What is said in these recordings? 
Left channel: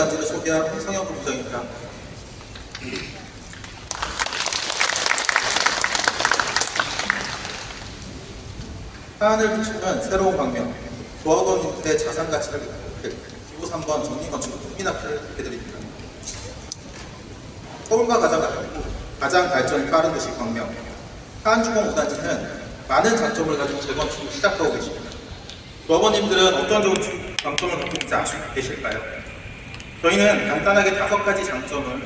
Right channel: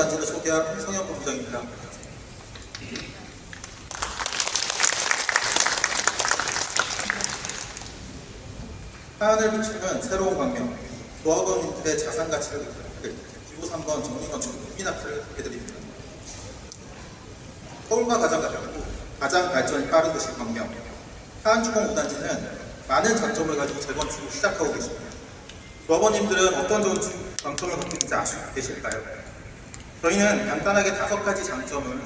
5단지를 소개할 홍성현 본부장입니다. 하안을 비추는 새로운 광명, 조합원 인구의 자산 가치를 기호 3번 정리건축 국민학회를 소개드립니다. 서울과 가장 발전이 빠른 도시 광명, 하안주공 5단지는 많은 장점을 가지고 재건축을 시작하고 계십니다. 조합원님들은 어떤 좋은 장점을 갖고 있는지 아시고 계실까요? 저희는 간단하게 5가지 장점을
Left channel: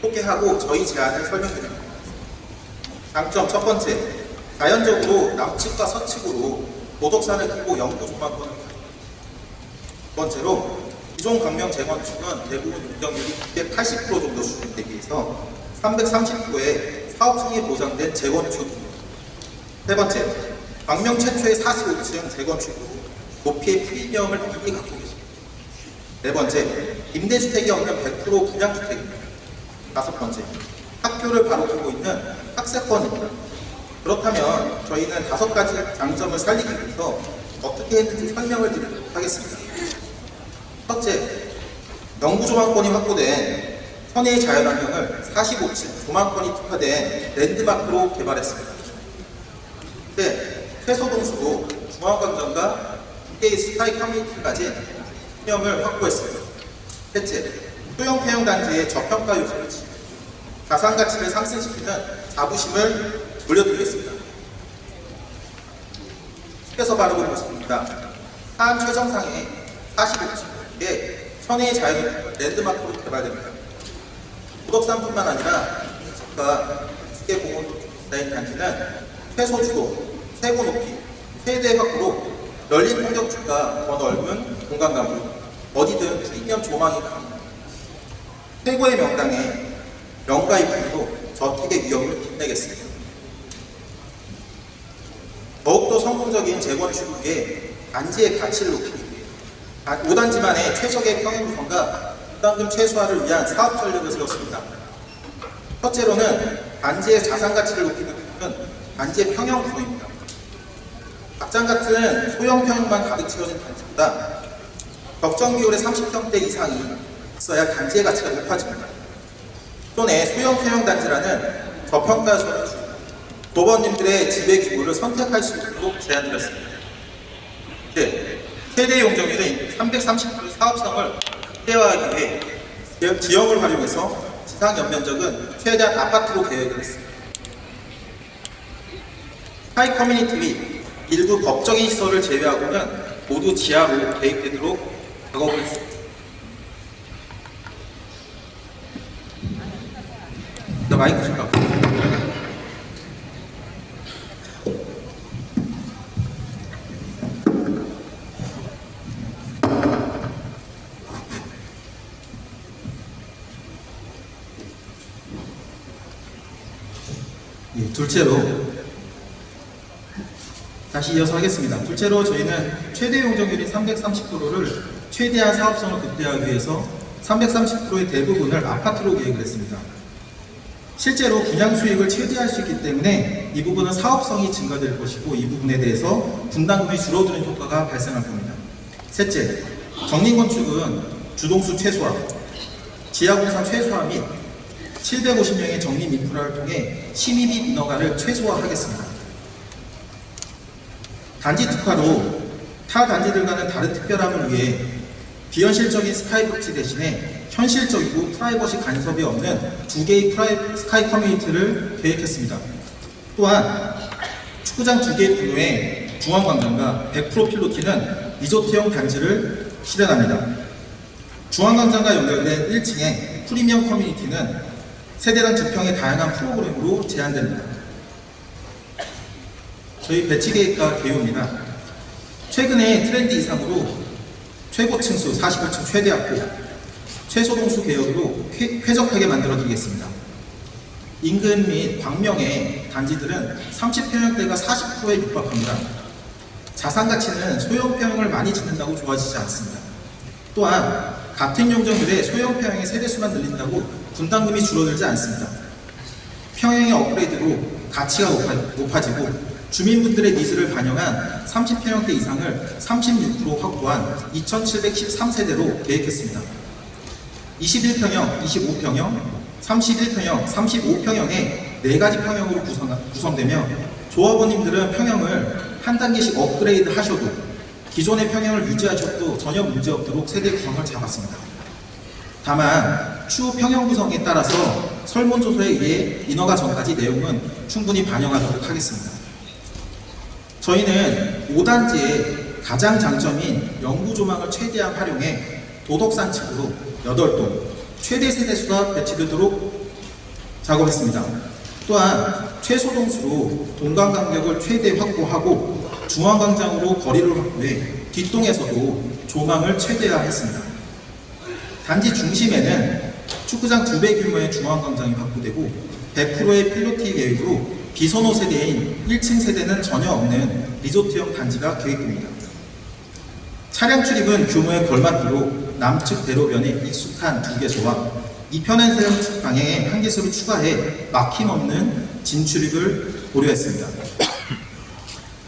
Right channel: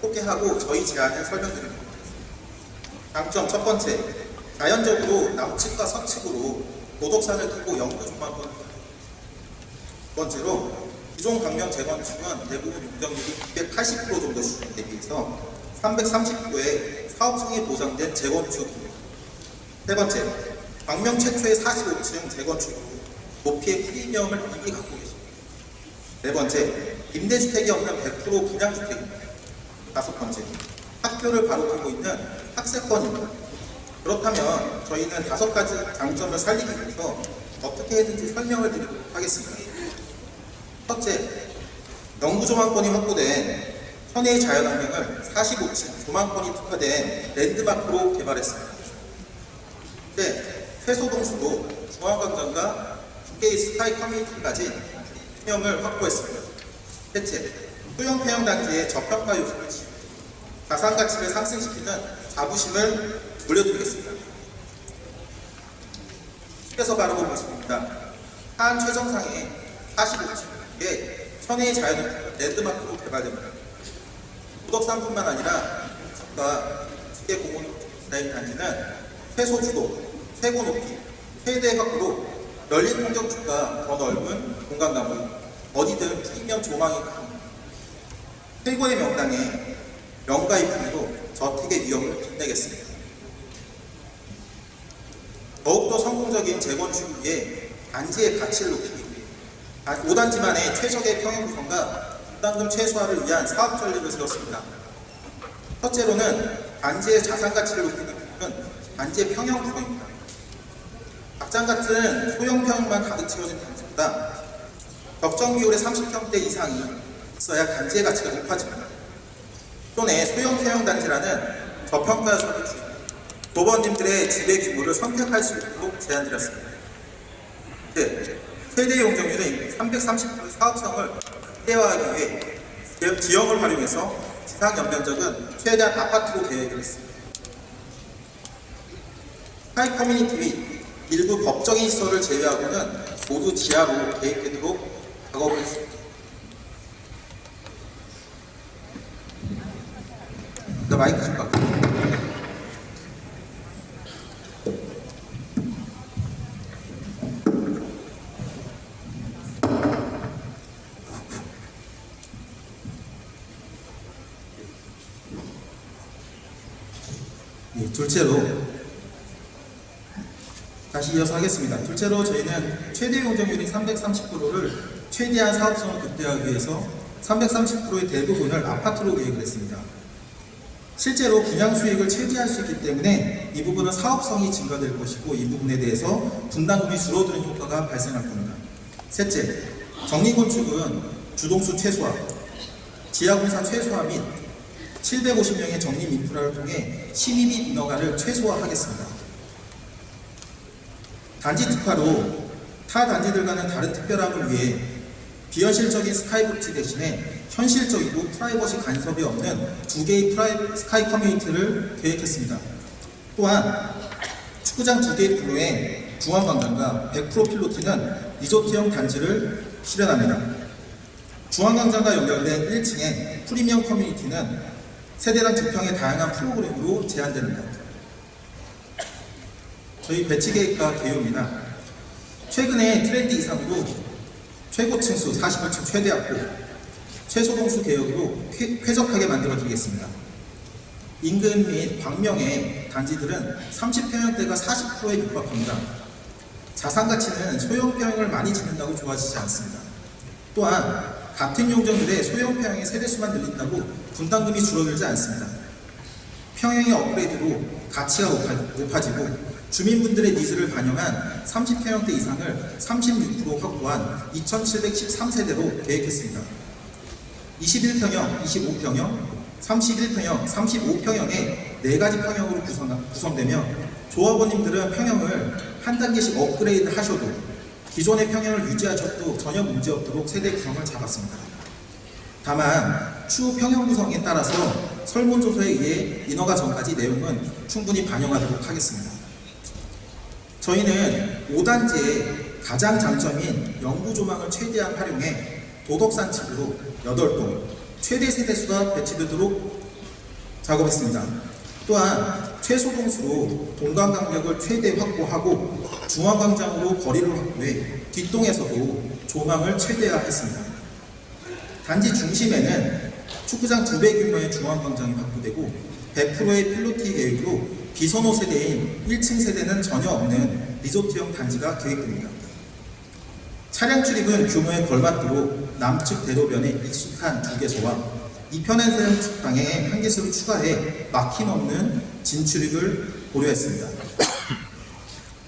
소개하고 저희 제안을 설명드립니다. 장점 첫 번째, 자연적으로 남측과 서측으로 모덕산을 끼고 영구 조망권을 두 번째로, 기존 광명 재건축은 대부분 용적률이 280% 정도 수준 대비해서 330%의 사업성이 보장된 재건축입니다. 세 번째, 광명 최초의 45층 재건축으로 높이의 프리미엄을 많이 갖고 계십니다. 네 번째, 임대주택이 없는 100% 분양주택입니다. 다섯 번째, 학교를 바로 끼고 있는 학세권입니다. 그렇다면 저희는 5가지 장점을 살리기 위해서 어떻게 했는지 설명을 드리도록 하겠습니다. 첫째, 영구 조망권이 확보된 현해의 자연환경을 45층 조망권이 특화된 랜드마크로 개발했습니다. 둘째, 최소동수도 중앙광장과 2개의 스카이 커뮤니티까지 수용을 확보했습니다. 셋째, 소형 태양단지의 저평가 요소를 자산가치를 상승시키는 자부심을 물려드리겠습니다. 쉽게서 바라본 모습입니다. 하안 최정상의 45층의 현해의 자연 랜드마크로 개발됩니다. 도덕산뿐만 아니라 공직과 기계공원 디자인 단지는 최소 주도, 최고 높이, 최대 각도로 열린 공격주가 더 넓은 공간 감을 어디든 프리미엄 조망이 가능합니다. 최고의 명당에 명가 입품으로 저택의 위험을 빛내겠습니다. 더욱더 성공적인 재건축을 위해 단지의 가치를 높이기 위해 5단지만의 최적의 평형 구성과 분담금 최소화를 위한 사업 전략을 세웠습니다. 첫째로는 단지의 자산 가치를 높이기 위해서는 단지의 평형 구성입니다. 막장 같은 소형 평형만 가득 채워진 단지보다 적정 비율의 30평대 이상이 있어야 단지의 가치가 높아집니다. 기존의 소형 평형 단지라는 저평가 요소를 주고 조합원님들의 지배 규모를 선택할 수 있도록 제안드렸습니다. 네, 최대 용적률인 330%의 사업성을 극대화하기 위해 지형을 활용해서 지상 연면적은 최대한 아파트로 계획을 했습니다. 스카이 커뮤니티 및 일부 법적인 시설을 제외하고는 모두 지하로 계획되도록 작업을 했습니다. 마이크 좀 갖고. 둘째로 다시 이어서 하겠습니다. 둘째로 저희는 최대 용적률인 330%를 최대한 사업성을 극대화하기 위해서 330%의 대부분을 아파트로 계획을 했습니다. 실제로 분양 수익을 최대화할 수 있기 때문에 이 부분은 사업성이 증가될 것이고 이 부분에 대해서 분담금이 줄어드는 효과가 발생할 겁니다. 셋째, 정리건축은 주동수 최소화, 지하공사 최소화 및 750명의 정립 인프라를 통해 심의비 인허가를 최소화하겠습니다. 단지 특화로 타 단지들과는 다른 특별함을 위해 비현실적인 스카이복지 대신에 현실적이고 프라이버시 간섭이 없는 2개의 스카이 커뮤니티를 계획했습니다. 또한 축구장 2개 규모의 중앙광장과 100% 필로티는 리조트형 단지를 실현합니다. 중앙광장과 연결된 1층의 프리미엄 커뮤니티는 세대당 지평의 다양한 프로그램으로 제한됩니다. 저희 배치 계획과 개요입니다. 최근에 트렌드 이상으로 최고 층수 45층 최대 확보, 최소 동수 개혁으로 쾌적하게 만들어 드리겠습니다. 인근 및 광명의 단지들은 30평형대가 40%에 육박합니다. 자산 가치는 소형 평형을 많이 짓는다고 좋아지지 않습니다. 또한 같은 용적률에 소형 평형의 세대수만 늘린다고 분담금이 줄어들지 않습니다. 평형의 업그레이드로 가치가 높아지고 주민분들의 니즈를 반영한 30평형대 이상을 36% 확보한 2713세대로 계획했습니다. 21평형, 25평형, 31평형, 35평형의 4가지 평형으로 구성되며 조합원님들은 평형을 한 단계씩 업그레이드 하셔도 기존의 평형을 유지하셔도 전혀 문제없도록 세대 구성을 잡았습니다. 다만 추후 평형 구성에 따라서 설문조사에 의해 인허가 전까지 내용은 충분히 반영하도록 하겠습니다. 저희는 5단지의 가장 장점인 영구 조망을 최대한 활용해 도덕산책으로 8동 최대 세대수가 배치되도록 작업했습니다. 또한 최소 동수로 동강 간격을 최대 확보하고 중앙광장으로 거리를 확보해 뒷동에서도 조망을 최대화했습니다. 단지 중심에는 축구장 2배 규모의 중앙광장이 확보되고 100%의 필로티 계획으로 비선호 세대인 1층 세대는 전혀 없는 리조트형 단지가 계획됩니다. 차량 출입은 규모에 걸맞도록 남측 대로변에 익숙한 2개소와 이편한 세우측 방향에 1개소를 추가해 막힘 없는 진출입을 고려했습니다.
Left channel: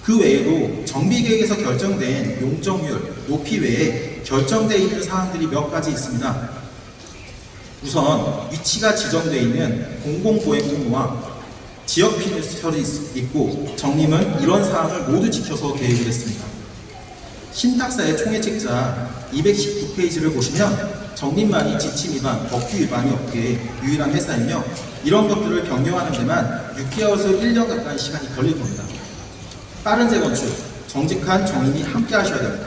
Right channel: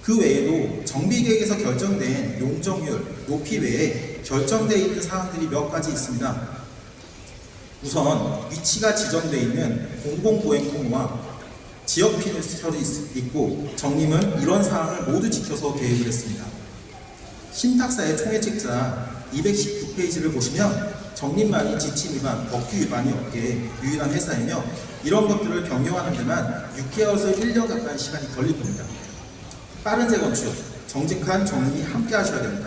그 외에도 정비계획에서 결정된 용적률, 높이 외에 결정되어 있는 사항들이 몇 가지 있습니다. 우선 위치가 지정되어 있는 공공보행도로와 지역 피니스털이 있고 정림은 이런 사항을 모두 지켜서 계획을 했습니다. 신탁사의 총회책자 219페이지를 보시면 정림만이 지침 위반, 법규 위반이 없기에 유일한 회사이며 이런 것들을 변경하는 데만 6개월에서 1년 가까이 시간이 걸릴 겁니다. 빠른 재건축, 정직한 정림이 함께 하셔야 됩니다.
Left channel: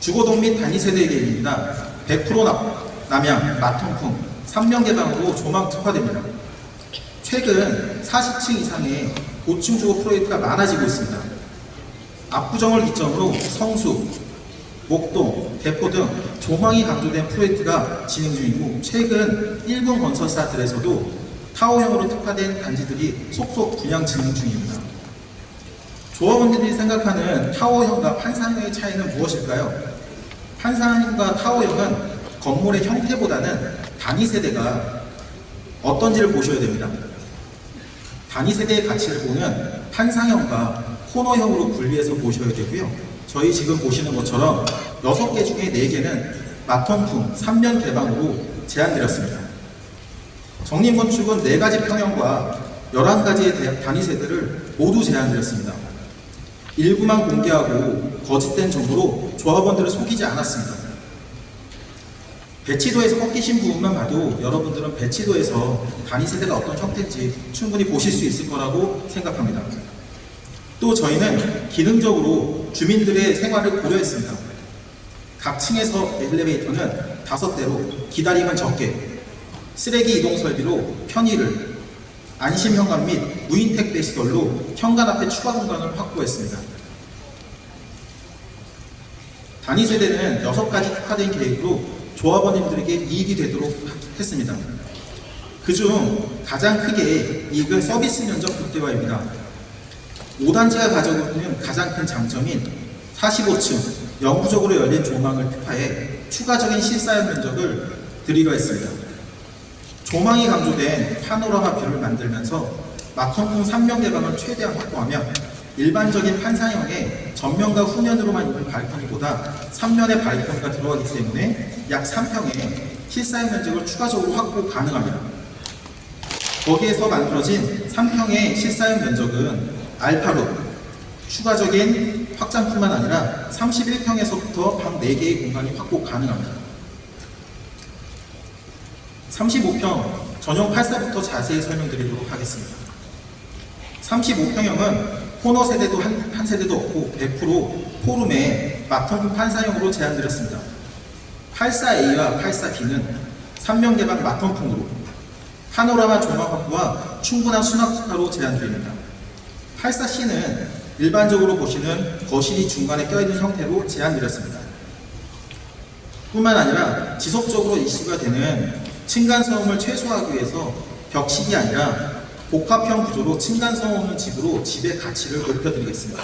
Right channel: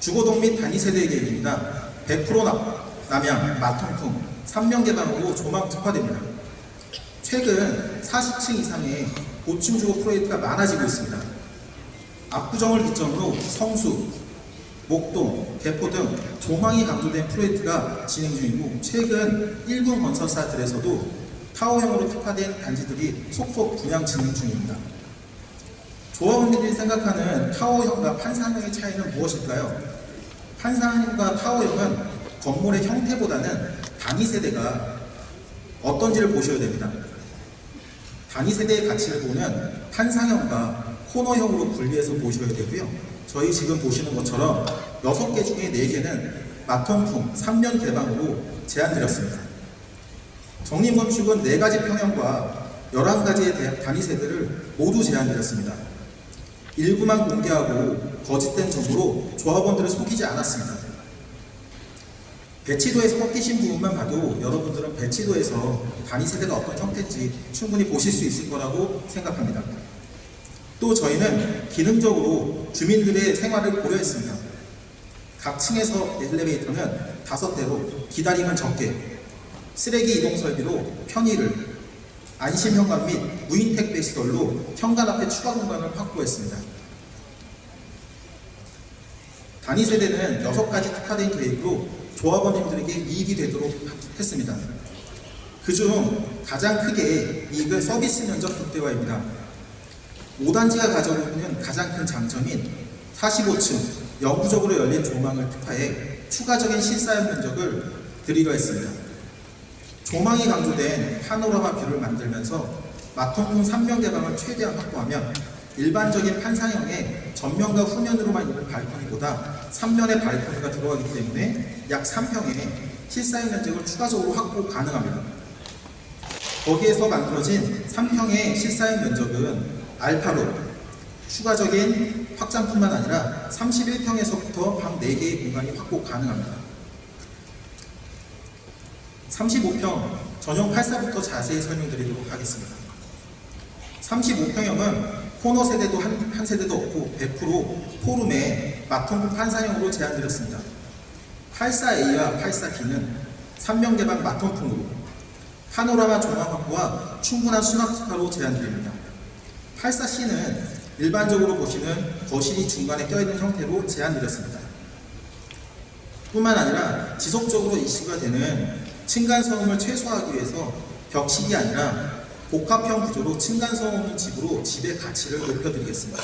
주거동 및 단위세대 계획입니다. 100% 남양, 마통풍, 3명 개방으로 조망 특화됩니다. 최근 40층 이상의 고층 주거 프로젝트가 많아지고 있습니다. 압구정을 기점으로 성수, 목동, 대포 등 조망이 강조된 프로젝트가 진행 중이고 최근 일본 건설사들에서도 타워형으로 특화된 단지들이 속속 분양 진행 중입니다. 조합원들이 생각하는 타워형과 판상형의 차이는 무엇일까요? 판상형과 타워형은 건물의 형태보다는 단위세대가 어떤지를 보셔야 됩니다. 단위세대의 가치를 보면 판상형과 코너형으로 분리해서 보셔야 되고요. 저희 지금 보시는 것처럼 6개 중에 4개는 마통풍 3년 개방으로 제한드렸습니다. 정림건축은 4가지 평형과 11가지의 단위세대를 모두 제한드렸습니다. 일부만 공개하고 거짓된 정보로 조합원들을 속이지 않았습니다. 배치도에서 꺾이신 부분만 봐도 여러분들은 배치도에서 단위세대가 어떤 형태인지 충분히 보실 수 있을 거라고 생각합니다. 또 저희는 기능적으로 주민들의 생활을 고려했습니다. 각 층에서 엘리베이터는 5대로 기다림은 적게, 쓰레기 이동 설비로 편의를, 안심 현관 및 무인 택배 시설로 현관 앞에 추가 공간을 확보했습니다. 단위세대는 6가지 특화된 계획으로 조합원님들에게 이익이 되도록 했습니다. 그중 가장 크게 이익은 서비스 면적 극대화입니다. 5단지가 가지고 있는 가장 큰 장점인 45층 영구적으로 열린 조망을 특화해 추가적인 실사용 면적을 드리려 했습니다. 조망이 강조된 파노라마 뷰를 만들면서 마통풍 3명 개방을 최대한 확보하며 일반적인 판상형의 전면과 후면으로만 있는 발코니보다 3면의 발코니가 들어가기 때문에 약 3평의 실사용 면적을 추가적으로 확보 가능합니다. 거기에서 만들어진 3평의 실사용 면적은 알파로 추가적인 확장뿐만 아니라 31평에서부터 방 4개의 공간이 확보 가능합니다. 35평 전용 84부터 자세히 설명드리도록 하겠습니다. 35평형은 코너 세대도 한 세대도 없고 100% 포룸에 마통풍 판사형으로 제한드렸습니다. 84A와 84B는 3명 개방 마통풍으로 파노라마 조망 확보와 충분한 수납 특화로 제한드립니다. 84C는 일반적으로 보시는 거실이 중간에 껴있는 형태로 제한드렸습니다. 뿐만 아니라 지속적으로 이슈가 되는 층간소음을 최소화하기 위해서 벽식이 아니라 복합형 구조로 층간소음 없는 집으로 집의 가치를 높여드리겠습니다.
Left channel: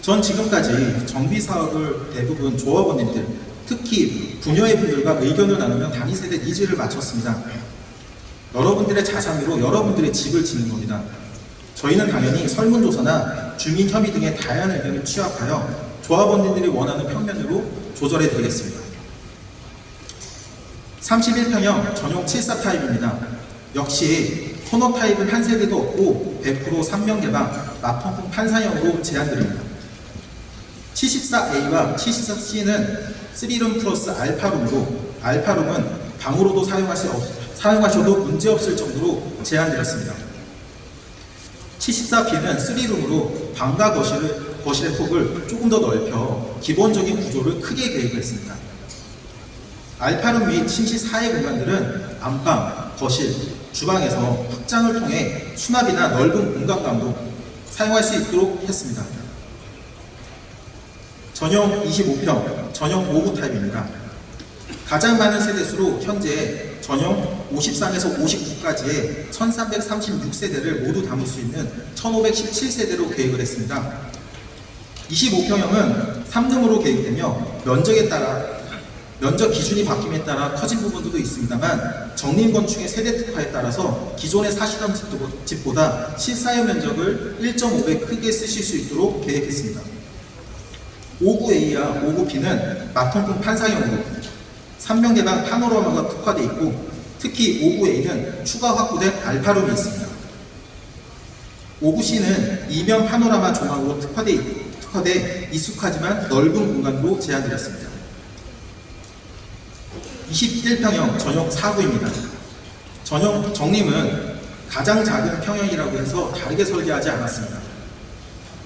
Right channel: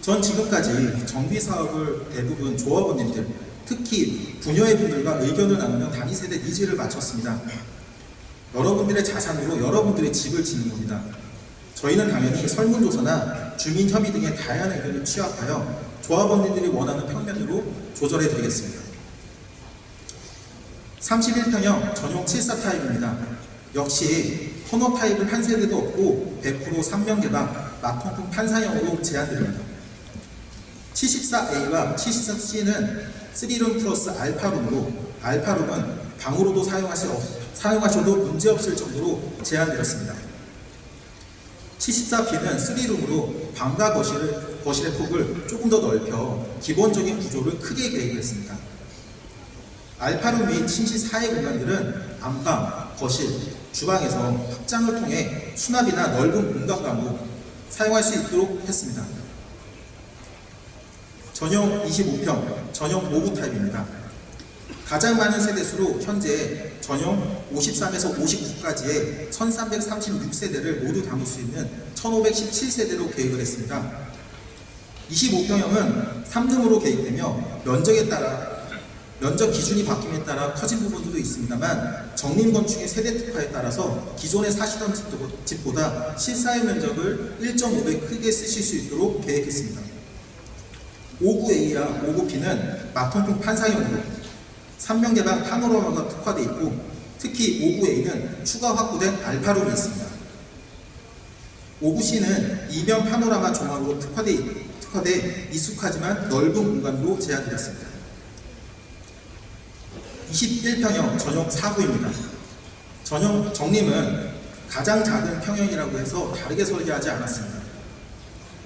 전 지금까지 정비사업을 대부분 조합원님들, 특히 부녀의 분들과 의견을 나누며 단위세대 니즈를 맞췄습니다. 여러분들의 자산으로 여러분들의 집을 짓는 겁니다. 저희는 당연히 설문조사나 주민협의 등의 다양한 의견을 취합하여 조합원님들이 원하는 평면으로 조절해 드리겠습니다. 31평형 전용 74 타입입니다. 역시 코너 타입은 한 세대도 없고 100% 3명 개방 마통풍 판사형으로 제한드립니다. 74A와 74C는 3룸 플러스 알파룸으로 알파룸은 방으로도 사용하셔도 문제없을 정도로 제한드렸습니다. 74B는 3룸으로 방과 거실의 폭을 조금 더 넓혀 기본적인 구조를 크게 계획했습니다. 알파룸 및 침실 4의 공간들은 안방, 거실, 주방에서 확장을 통해 수납이나 넓은 공간감도 사용할 수 있도록 했습니다. 전용 25평, 전용 5구 타입입니다. 가장 많은 세대수로 현재 전용 53에서 59까지의 1336세대를 모두 담을 수 있는 1517세대로 계획을 했습니다. 25평형은 3룸으로 계획되며 면적 기준이 바뀜에 따라 커진 부분도 있습니다만 정림건축의 세대 특화에 따라서 기존에 사시던 집보다 실사용 면적을 1.5배 크게 쓰실 수 있도록 계획했습니다. 59A와 59B는 마통풍 판사형으로 3명 개방 파노라마가 특화되어 있고 특히 59A는 추가 확보된 알파룸이 있습니다. 59C는 2면 파노라마 조망으로 특화돼 익숙하지만 넓은 공간으로 제한드렸습니다. 21평형 전용 4구입니다. 전용 정림은 가장 작은 평형이라고 해서 다르게 설계하지 않았습니다.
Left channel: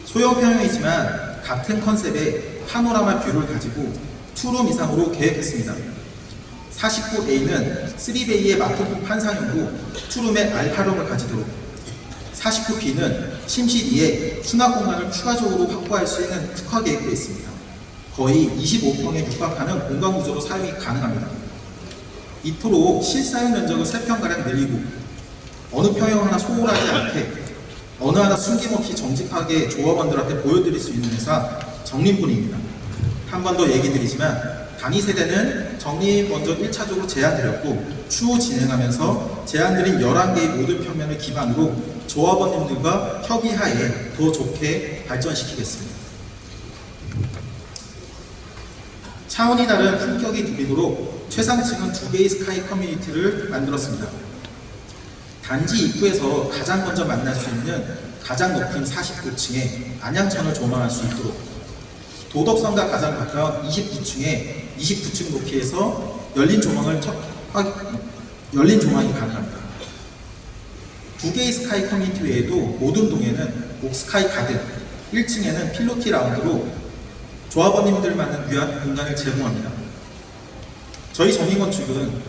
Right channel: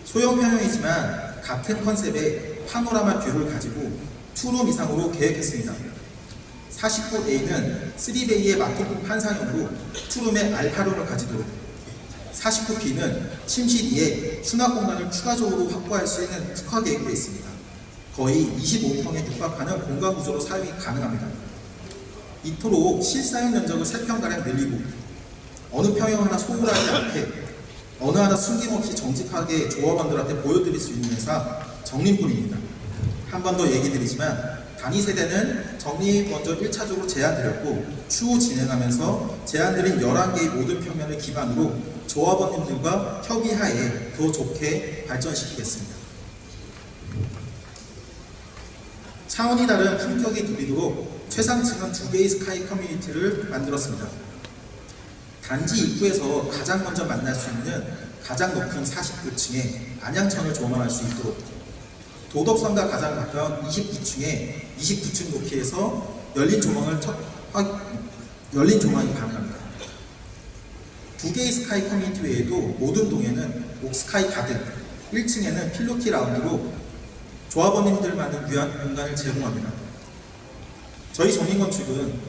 소형 평형이지만 같은 컨셉의 파노라마 뷰를 가지고 2룸 이상으로 계획했습니다. 49A는 3베이의 마통풍 판상형으로 2룸의 알파룸을 가지도록 49B는 침실 2에 수납 공간을 추가적으로 확보할 수 있는 특화 계획되어 있습니다. 거의 25평에 육박하는 공간 구조로 사용이 가능합니다. 이토록 실사용 면적을 3평가량 늘리고 어느 평형 하나 소홀하지 않게 어느 하나 숨김없이 정직하게 조합원들한테 보여드릴 수 있는 회사 정림뿐입니다. 한 번 더 얘기 드리지만 단위 세대는 정림 먼저 1차적으로 제한드렸고 추후 진행하면서 제한드린 11개의 모든 평면을 기반으로 조합원님들과 협의하에 더 좋게 발전시키겠습니다. 차원이 다른 품격이 누리도록 최상층은 2개의 스카이 커뮤니티를 만들었습니다. 단지 입구에서 가장 먼저 만날 수 있는 가장 높은 49층에 안양천을 조망할 수 있도록 도덕성과 가장 가까운 29층에 29층 높이에서 열린 조망이 가능합니다. 2개의 스카이 커뮤니티 외에도 모든 동에는 옥스카이 가든, 1층에는 필로티 라운드로 조합원님들만을 위한 공간을 제공합니다. 저희 정림건축은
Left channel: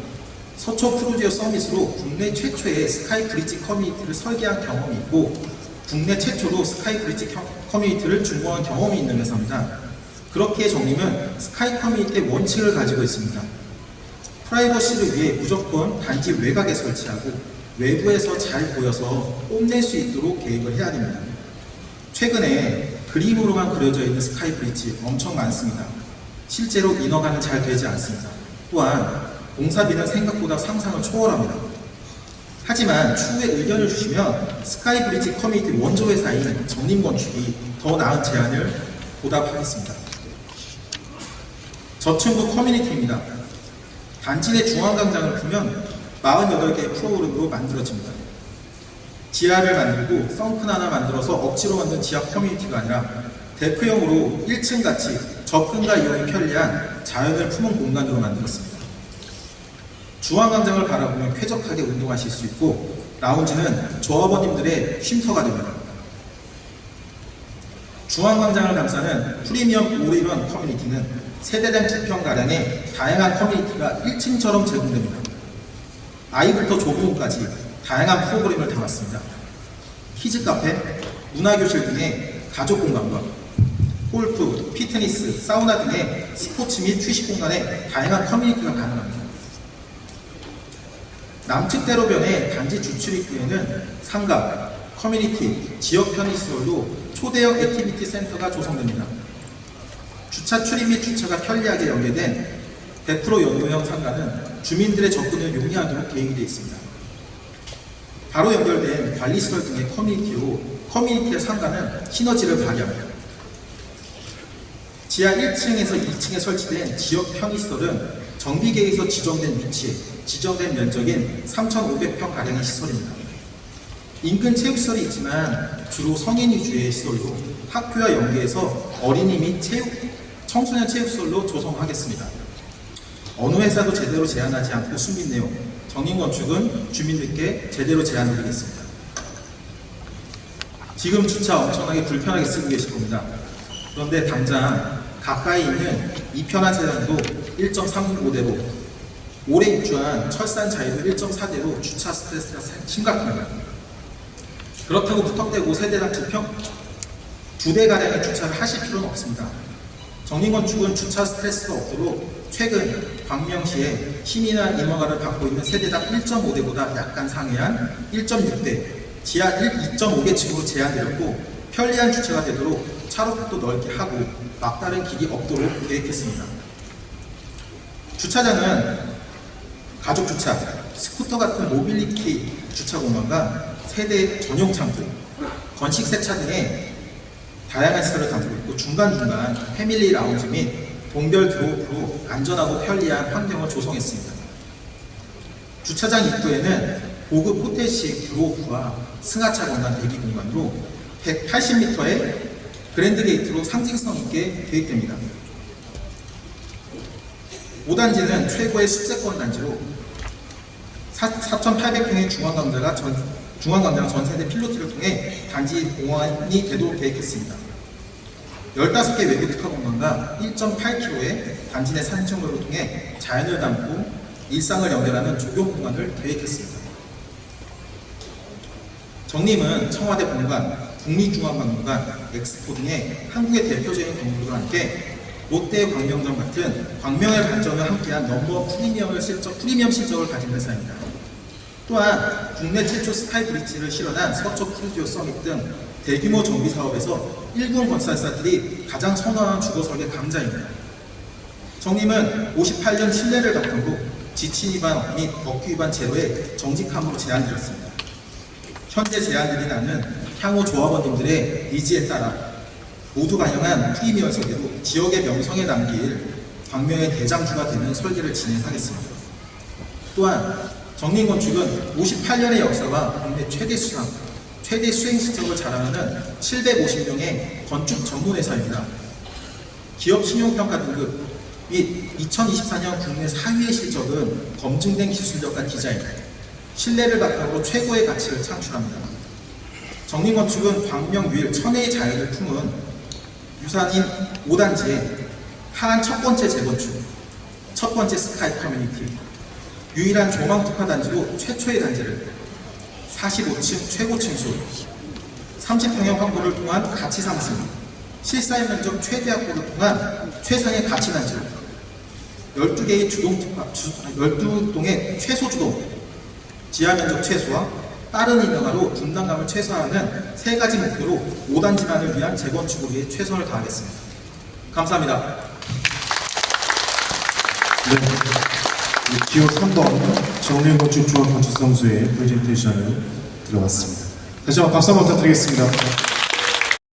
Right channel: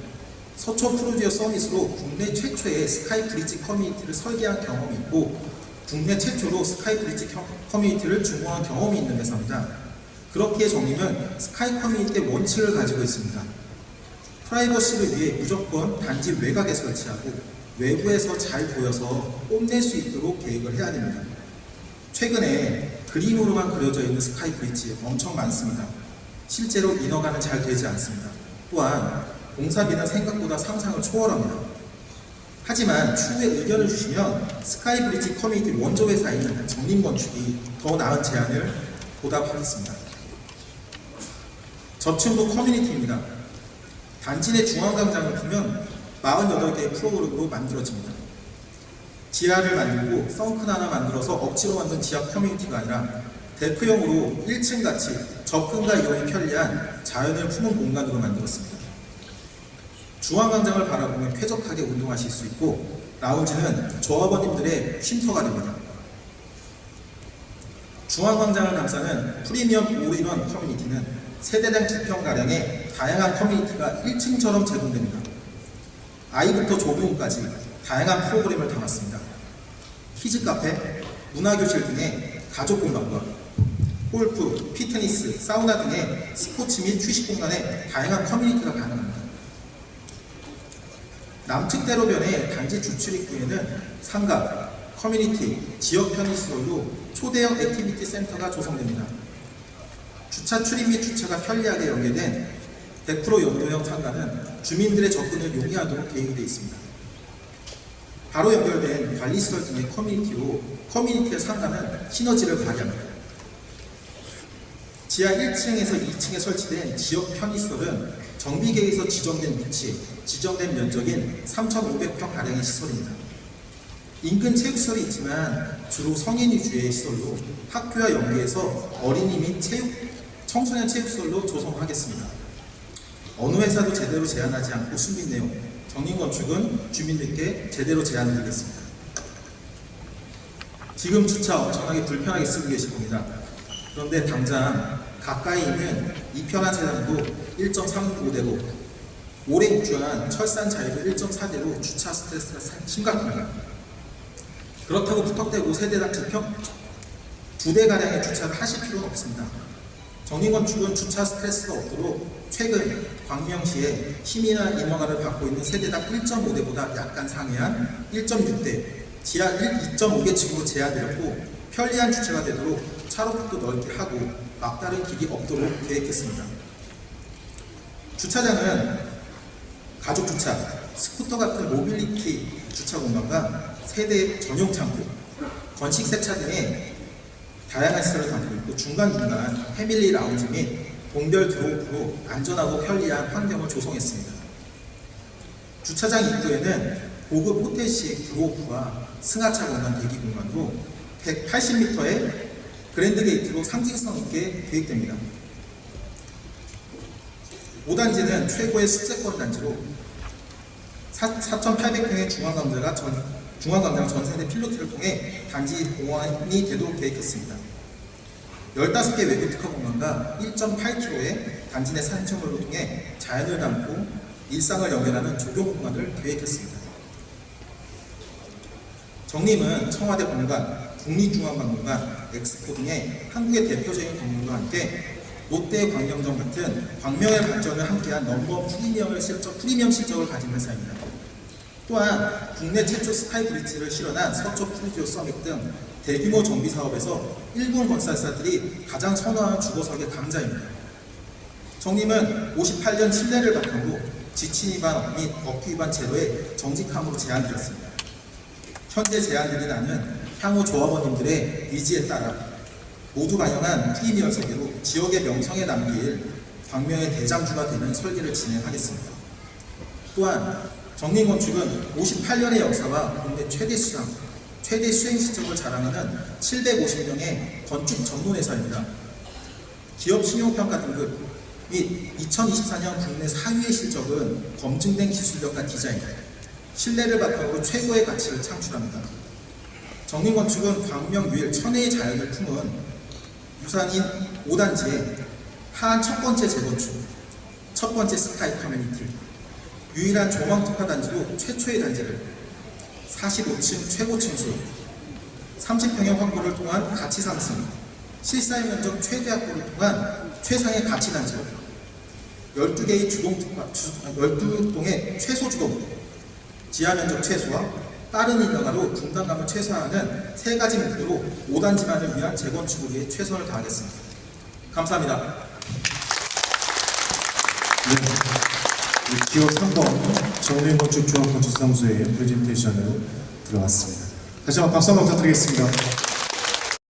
서초 프로지오 서밋으로 국내 최초의 스카이 브릿지 커뮤니티를 설계한 경험이 있고 국내 최초로 스카이 브릿지 커뮤니티를 준공한 경험이 있는 회사입니다. 그렇기에 정림은 스카이 커뮤니티의 원칙을 가지고 있습니다. 프라이버시를 위해 무조건 단지 외곽에 설치하고 외부에서 잘 보여서 뽐낼 수 있도록 계획을 해야 됩니다. 최근에 그림으로만 그려져 있는 스카이 브릿지 엄청 많습니다. 실제로 인허가는 잘 되지 않습니다. 또한 공사비는 생각보다 상상을 초월합니다. 하지만 추후에 의견을 주시면 스카이 브릿지 커뮤니티 원조 회사인 정림건축이 더 나은 제안을 보답하겠습니다. 저층부 커뮤니티입니다. 단지 내 중앙광장을 풀면 48개의 프로그램으로 만들어집니다. 지하를 만들고 썬큰 하나 만들어서 억지로 만든 지하 커뮤니티가 아니라 데크형으로 1층 같이 접근과 이용이 편리한 자연을 품은 공간으로 만들었습니다. 중앙광장을 바라보면 쾌적하게 운동하실 수 있고 라운지는 조합원님들의 쉼터가 됩니다. 중앙광장을 감싸는 프리미엄 올인원 커뮤니티는 세대당 2평가량의 다양한 커뮤니티가 1층처럼 제공됩니다. 아이부터 조부모까지 다양한 프로그램을 담았습니다. 키즈 카페, 문화교실 등의 가족 공간과 골프, 피트니스, 사우나 등의 스포츠 및 휴식 공간에 다양한 커뮤니티가 가능합니다. 남측대로변의 단지 주출입구에는 상가, 커뮤니티, 지역 편의시설로 초대형 액티비티 센터가 조성됩니다. 주차 출입 및 주차가 편리하게 연계된 100% 연구형 상가는 주민들의 접근을 용이하도록 계획이 되어 있습니다. 바로 연결된 관리시설 등의 커뮤니티로 커뮤니티의 상가는 시너지를 발휘합니다. 지하 1층에서 2층에 설치된 지역 편의시설은 정비계에서 지정된 위치에 지정된 면적인 3,500평 가량의 시설입니다. 인근 체육시설이 있지만 주로 성인 위주의 시설로 학교와 연계해서 어린이 및 청소년 체육시설로 조성하겠습니다. 어느 회사도 제대로 제안하지 않고 숨긴 내용, 정인건축은 주민들께 제대로 제안드리겠습니다. 지금 주차 엄청나게 불편하게 쓰고 계실 겁니다. 그런데 당장 가까이 있는 이편한 세단도 1.35대로, 올해 입주한 철산 자이도 1.4대로 주차 스트레스가 심각합니다. 그렇다고 무턱대고 세대당 2대 가량의 주차를 하실 필요는 없습니다. 정인건축은 주차 스트레스가 없도록 최근 광명시에 시민화 인허가를 받고 있는 세대당 1.5대보다 약간 상회한 1.6대, 지하 2.5개 층으로 제한드렸고 편리한 주차가 되도록 차로폭도 넓게 하고 막다른 길이 없도록 계획했습니다. 주차장은 가족 주차, 스쿠터 같은 모빌리티 주차 공간과 세대 전용 창틀, 건식 세차 등의 다양한 시설을 담고 있고 중간중간 패밀리 라운지 및 동별 드롭으로 안전하고 편리한 환경을 조성했습니다. 주차장 입구에는 고급 호텔식 드로프와 승하차 공간 대기 공간으로 180m의 그랜드 게이트로 상징성 있게 계획됩니다. 5단지는 최고의 습세권 단지로 4,800평의 중앙광장 전세대 필로티를 통해 단지 공원이 되도록 계획했습니다. 15개 외부 특화 공간과 1.8km의 단지 내 산책로를 통해 자연을 담고 일상을 연결하는 조경 공간을 계획했습니다. 정림은 청와대 본관, 국립중앙박물관, 엑스포 등의 한국의 대표적인 건물과 함께 롯데 광명점 같은 광명의 발전을 함께한 넘버 프리미엄 실적을 가진 회사입니다. 또한 국내 최초 스카이브리지를 실현한 서초 푸르지오 서밋 등 대규모 정비 사업에서 일군 건설사들이 가장 선호하는 주거설계 강자입니다. 정림은 58년 신뢰를 바탕으로 지침 위반 및 법규 위반 제로에 정직함으로 제안드렸습니다. 현재 제안드린 안은 향후 조합원님들의 니즈에 따라 모두 반영한 프리미엄 설계로 지역의 명성에 남길 광명의 대장주가 되는 설계를 진행하겠습니다. 또한 정림건축은 58년의 역사와 국내 최대 수행 실적을 자랑하는 750명의 건축 전문 회사입니다. 기업 신용평가 등급 및 2024년 국내 4위의 실적은 검증된 기술력과 디자인, 신뢰를 바탕으로 최고의 가치를 창출합니다. 정림건축은 광명 유일 천혜의 자연을 품은 유산인 5단지의 하안 첫 번째 재건축, 첫 번째 스카이 커뮤니티, 유일한 조망 특화 단지로 최초의 단지를 45층 최고 층수, 30평형 확보를 통한 가치 상승, 실사용 면적 최대 확보를 통한 최상의 가치 단지를 12개의 주동 특화, 12동의 최소 주동, 지하 면적 최소화, 빠른 인허가로 분담감을 최소화하는 3가지 목표로 5단지만을 위한 재건축을 위해 최선을 다하겠습니다. 감사합니다. 네, 기호 3번 정림건축조합 건축사무소의 프레젠테이션을 들어봤습니다. 다시 한번 박수 한번 부탁드리겠습니다.